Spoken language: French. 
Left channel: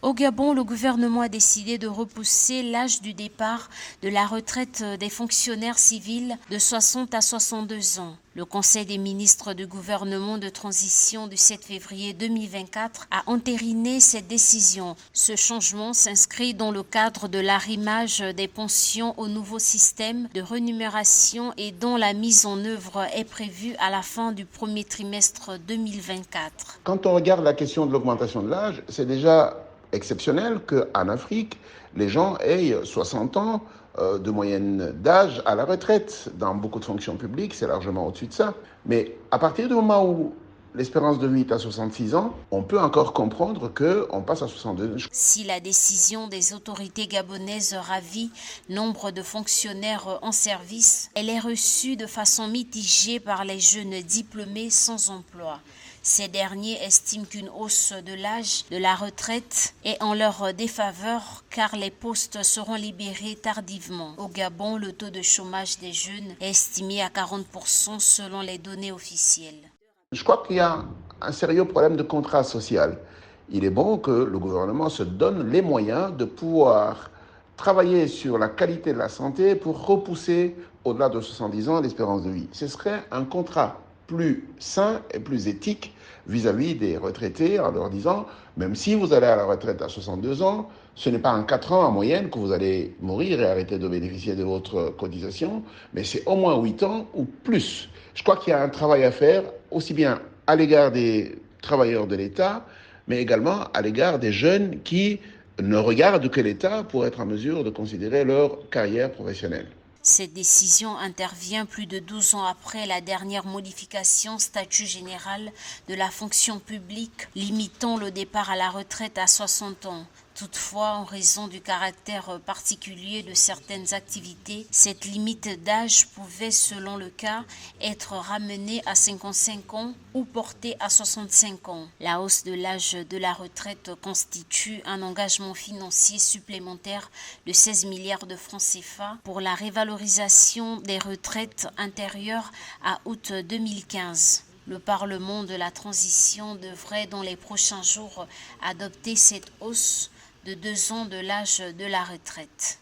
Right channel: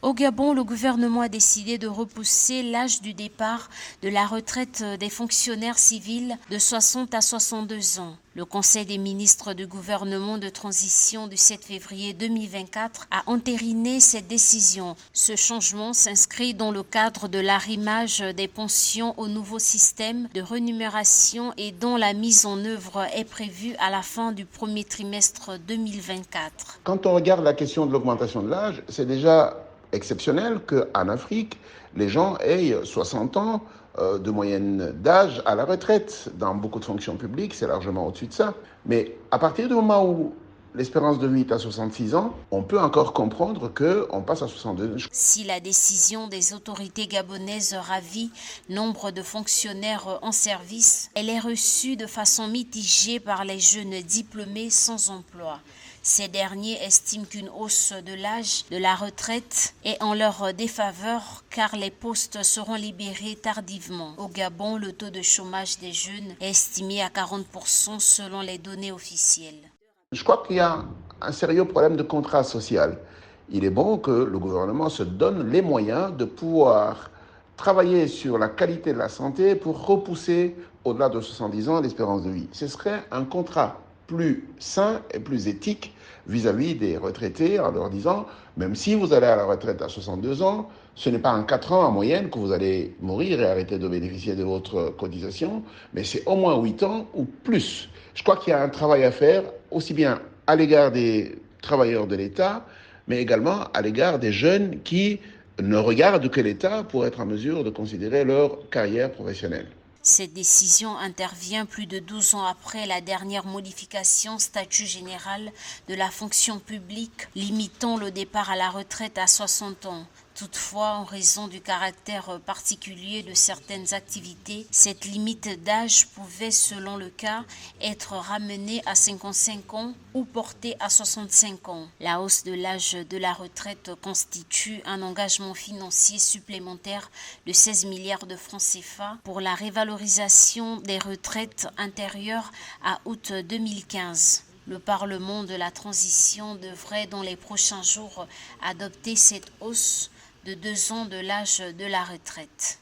Au Gabon, le gouvernement a décidé de repousser l'âge du départ de la retraite des fonctionnaires civils de 60 à 62 ans. Le Conseil des ministres du gouvernement de transition du 7 février 2024 a entériné cette décision. Ce changement s'inscrit dans le cadre de l'arrimage des pensions au nouveau système de rémunération et dont la mise en œuvre est prévue à la fin du premier trimestre 2024. Quand on regarde la question de l'augmentation de l'âge, c'est déjà exceptionnel qu'en Afrique, les gens aient 60 ans de moyenne d'âge à la retraite. Dans beaucoup de fonctions publiques, c'est largement au-dessus de ça. Mais à partir du moment où l'espérance de vie est à 66 ans, on peut encore comprendre qu'on passe à 62. Si la décision des autorités gabonaises ravit nombre de fonctionnaires en service, elle est reçue de façon mitigée par les jeunes diplômés sans emploi. Ces derniers estiment qu'une hausse de l'âge de la retraite est en leur défaveur car les postes seront libérés tardivement. Au Gabon, le taux de chômage des jeunes est estimé à 40% selon les données officielles. Je crois qu'il y a un sérieux problème de contrat social. Il est bon que le gouvernement se donne les moyens de pouvoir travailler sur la qualité de la santé pour repousser au-delà de 70 ans l'espérance de vie. Ce serait un contrat plus sain et plus éthique vis-à-vis des retraités en leur disant, même si vous allez à la retraite à 62 ans, ce n'est pas en 4 ans en moyenne que vous allez mourir et arrêter de bénéficier de votre cotisation, mais c'est au moins 8 ans ou plus. Je crois qu'il y a un travail à faire, aussi bien à l'égard des travailleurs de l'État, mais également à l'égard des jeunes qui ne regardent que l'État pour être en mesure de considérer leur carrière professionnelle. Cette décision intervient plus de 12 ans après la dernière modification statut général de la fonction publique limitant le départ à la retraite à 60 ans. Toutefois, en raison du caractère particulier de certaines activités, cette limite d'âge pouvait, selon le cas, être ramenée à 55 ans ou portée à 65 ans. La hausse de l'âge de la retraite constitue un engagement financier supplémentaire de 16 milliards de francs CFA pour la révalorisation des retraites antérieures à août 2015. Le Parlement de la transition devrait dans les prochains jours adopter cette hausse de 2 ans de l'âge de la retraite.